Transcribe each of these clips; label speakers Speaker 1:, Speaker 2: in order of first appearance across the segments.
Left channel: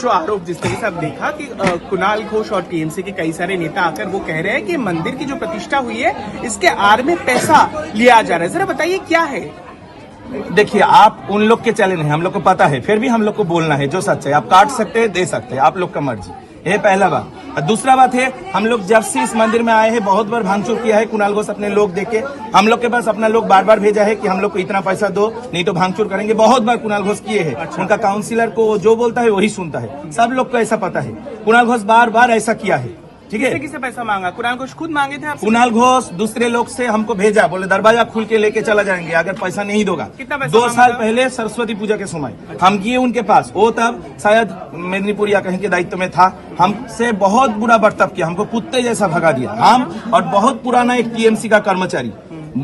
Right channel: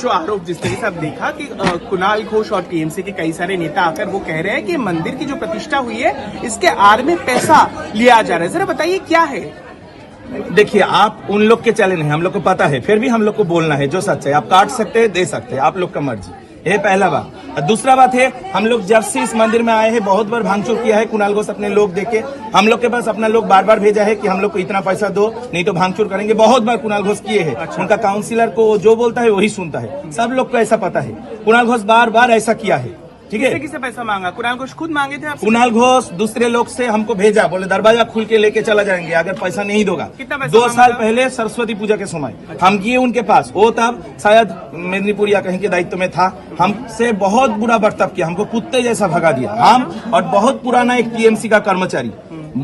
Speaker 1: जो आरोप जिस तरीके से आप देखा कि कुणाल घोष और टीएमसी के कई सारे नेता आकर वो कह रहे हैं कि मंदिर की जो प्रतिष्ठा हुई है इसके आर में पैसा लिया जा रहा है जरा बताइए क्या है
Speaker 2: देखिए आप उन लोग के चैलेंज है हम लोग को पता है फिर भी हम लोग को बोलना है जो सच है आप काट सकते हैं दे सकते हैं आप लोग का मर्जी ये पहला बात और दूसरा बात है हम लोग जब से इस मंदिर में आए हैं बहुत बार भांगचूर किया है कुणाल घोष अपने लोग देके हम लोग के पास अपना लोग बार बार भेजा है कि हम लोग को इतना पैसा दो नहीं तो भांगचूर करेंगे बहुत बार कुणाल घोष किए हैं अच्छा। उनका काउंसिलर को जो बोलता है वही सुनता है सब लोग को ऐसा पता है कुणाल घोष बार बार ऐसा किया है ठीक है
Speaker 1: किसे पैसा मांगा कुणाल घोष खुद मांगे थे
Speaker 2: कुणाल घोष दूसरे लोग से हमको भेजा बोले दरवाजा खुल के लेके चला जाएंगे अगर पैसा नहीं दोगा
Speaker 1: कितना
Speaker 2: दो साल पहले सरस्वती पूजा के समय अच्छा। हम किए उनके पास वो तब शायद मेदनीपुर या कहीं के दायित्व में था हमसे बहुत बुरा बर्ताव किया हमको कुत्ते जैसा भगा दिया हम और बहुत पुराना एक टीएमसी का कर्मचारी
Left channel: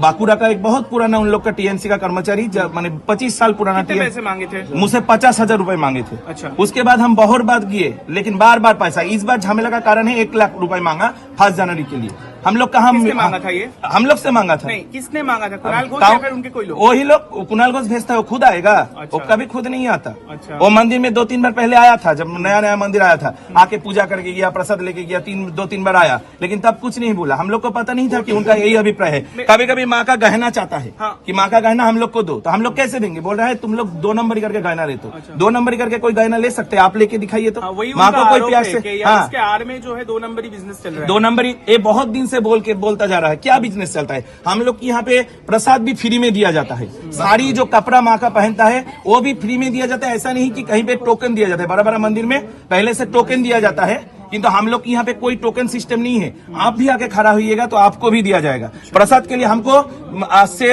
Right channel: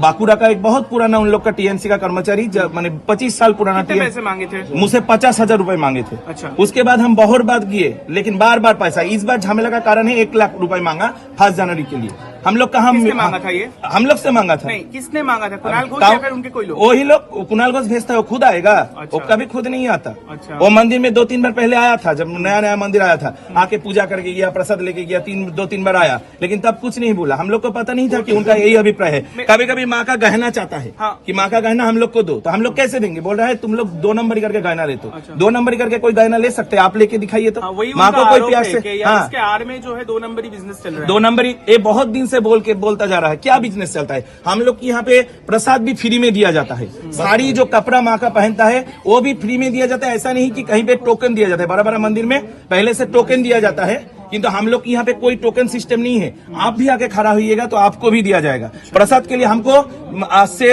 Speaker 2: बाकुड़ा का एक बहुत पुराना उन लोग का टीएमसी का कर्मचारी मैंने पच्चीस साल पुराना
Speaker 1: पैसे मांगे थे
Speaker 2: मुझसे पचास हजार रूपए मांगे थे
Speaker 1: अच्छा
Speaker 2: उसके बाद हम बहुत बात किए लेकिन बार बार पैसा इस बार झमेला का कारण है एक लाख रूपये मांगा फर्स्ट जनवरी के लिए हम लोग कहा हम
Speaker 1: मांगा था ये
Speaker 2: हम लोग से मांगा था
Speaker 1: नहीं किसने मांगा था कुणाल घोष उनके कोई लोग
Speaker 2: वही लोग कुणाल घोष भेजता है वो खुद आएगा वो अच्छा। कभी खुद नहीं आता
Speaker 1: अच्छा।
Speaker 2: वो मंदिर में दो तीन बार पहले आया था जब नया नया मंदिर आया था आके पूजा करके गया प्रसाद लेके गया तीन दो तीन बार आया लेकिन तब कुछ नहीं बोला हम लोग को पता नहीं था कि उनका यही अभिप्राय है कभी कभी माँ का गहना चाहता है
Speaker 1: हाँ।
Speaker 2: कि माँ का गहना हम लोग को दो तो हम लोग कैसे देंगे बोल रहे हैं तुम लोग दो नंबर करके गहना लेते
Speaker 1: तो
Speaker 2: दो नंबर करके कोई गहना ले सकते आप लेके दिखाइए तो
Speaker 1: हाँ,
Speaker 2: माँ को कोई प्यार से हाँ
Speaker 1: में जो है दो नंबर बिजनेस चल रहा है
Speaker 2: दो नंबर ये बहुत दिन से बोल के बोलता जा रहा है क्या बिजनेस चलता है हम लोग की यहाँ पे प्रसाद भी फ्री में दिया जाता है साड़ी जो कपड़ा माँ का पहनता है वो भी फ्री में दिया जाता है ऐसा नहीं कि कहीं पे टोकन दिया जाता है बड़ा बड़ा मंदिर में पहले से टोकन दिया जाता है किंतु हम लोग यहाँ पे कोई टोकन सिस्टम नहीं है आप भी आके खड़ा होइएगा तो आपको भी दिया जाएगा प्रसाद के लिए हमको आज से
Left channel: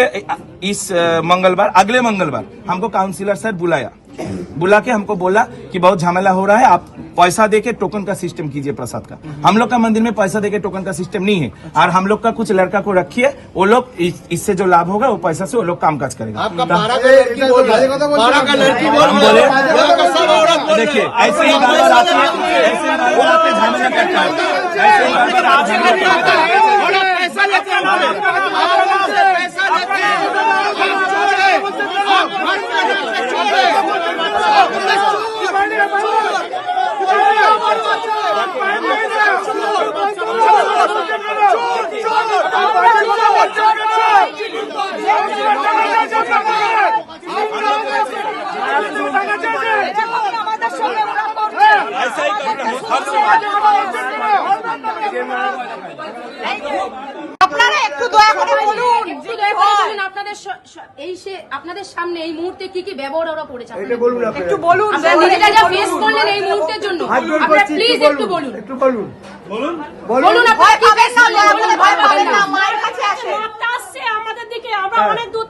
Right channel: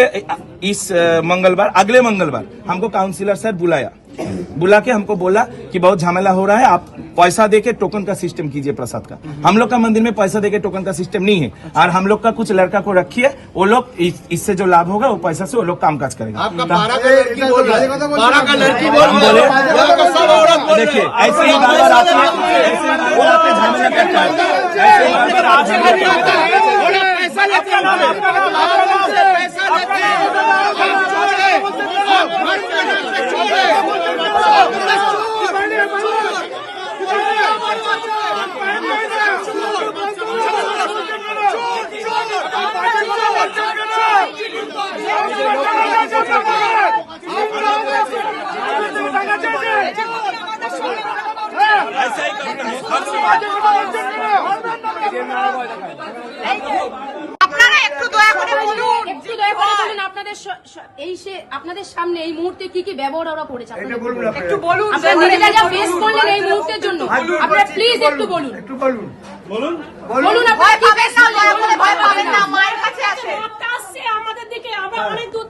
Speaker 2: इस मंगलवार अगले मंगलवार हमको काउंसिलर सर बुलाया बुला के हमको बोला कि बहुत झमेला हो रहा है आप पैसा दे के टोकन का सिस्टम कीजिए प्रसाद का हम लोग का मंदिर में पैसा दे के टोकन का सिस्टम नहीं है और हम लोग का कुछ लड़का को रखिए वो लोग इससे जो लाभ होगा वो पैसा से वो लोग काम काज करेंगे देखिए ऐसे ही
Speaker 3: আপনারা একটু দয়া করে বলুন
Speaker 4: আমাদের দিকে আমরা হ্যাঁ। অনেক দূর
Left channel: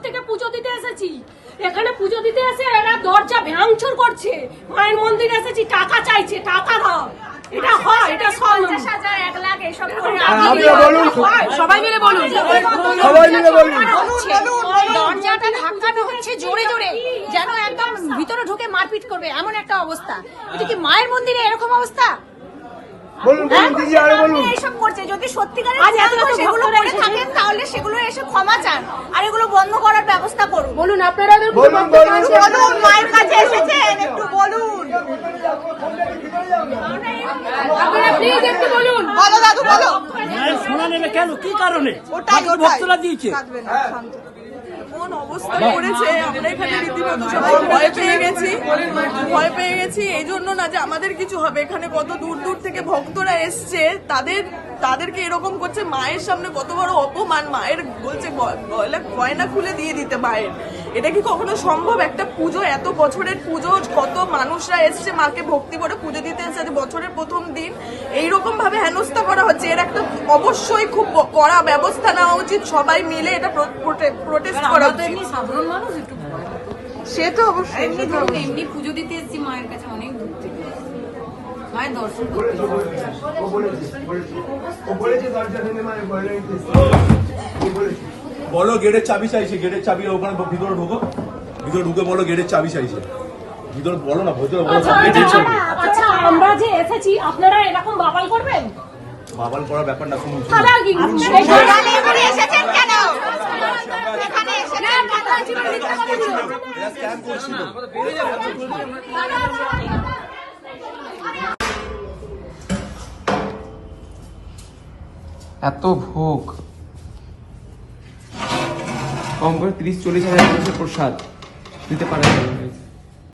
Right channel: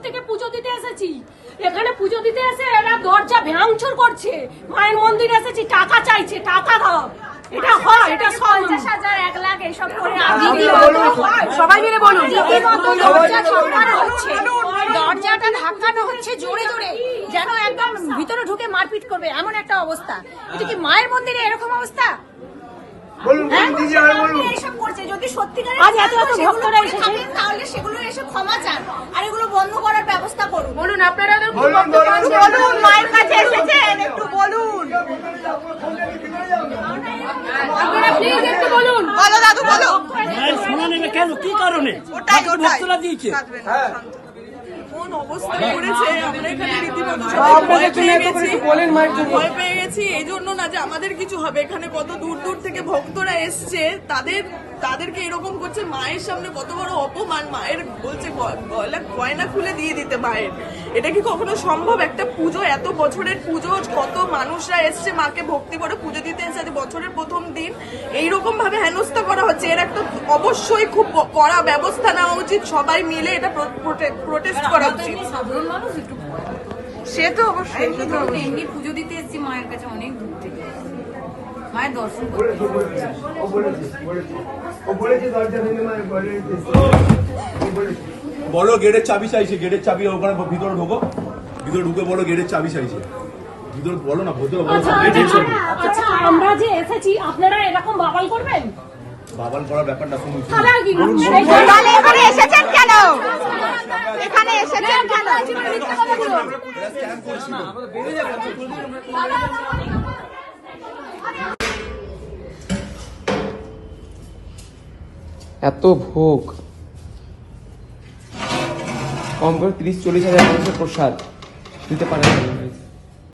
Speaker 4: থেকে পুজো দিতে এসেছি এখানে পুজো দিতে এসে এরা দরজা ভ্যাংচুর করছে মায়ের মন্দিরে এসেছি টাকা চাইছে টাকা দাও হ্যাঁ, এক লাখ এইসব করে
Speaker 5: সবাই মিলে বলুন
Speaker 6: দরজাটা ধাক্কানো হচ্ছে জোরে জোরে যেন একদম ভিতরে ঢুকে মারপিট করবে এমন একটা অবস্থা এটা মায়ের মন্দিরে এরকম অবস্থা হ্যাঁ? এইসব করছে যদি সত্যিকারের তাহলে সেগুলো এসে ক্ষমা চান আর এগুলো বন্ধ করার ব্যবস্থা করুন
Speaker 5: বলুন আপনারা
Speaker 3: বলুন মায়ের কাছে এসেছেন একটু বলুন বলো দাদু বলো
Speaker 7: মায়ের নেবে কেন কি কারণে ভক্তরা দিয়েছে
Speaker 8: ভয় পেয়ে গেছি ভয় পেয়ে গেছি এই জন্য না যে আমাদের কিছু হবে এখানে কত দূর দূর থেকে ভক্তরা তাদের তাদেরকে এরকম করছে মায়ের সামনে কত বড় অপমান মায়ের বলছে গয়না খুলে দিয়ে দিতে মায়ের এটা কি কখনো সম্ভব একটা পুজো এত বছরের পুজো কত মানুষরা এসছে মাকে ভক্তি করে পুজো দিতে এসেছে বছরের প্রথম দিন এইরকম ভাবে হেনস্থা করা হচ্ছে এর একটা অবশ্যই খুব কড়া ব্যবস্থা নেওয়া উচিত সবাই মিলে এটা প্রোটেস্ট করা উচিত
Speaker 5: সাধারণ মানুষ একটু
Speaker 8: সে তো অবশ্যই
Speaker 5: এমনি পুজো দিতে এসেছি মায়ের কাছে অনেক দূর থেকে মায়ের দর্শন করতে ও বলেছে দরজা মায়ের
Speaker 9: বলো গেটের চাবি চাইছে গেটের চাবি ওখানে ভিতরে ঢুকো ভিতরে ঢুকে বলো গেটের চাবি চাইছে ভিতরে বলো না ভিতরে বলো
Speaker 4: আচ্ছা,
Speaker 9: আচ্ছা,
Speaker 4: আচ্ছা আমরা যে এসেছি আপনারা এরকম বাবাল করবেন
Speaker 9: বাবাল করার
Speaker 3: ব্যাপার
Speaker 9: হ্যাঁ, না শুনুন
Speaker 10: এত ভোগ কম করে তিরিশ চল্লিশ হাজার মানুষের প্রসাদ দিতে পারেন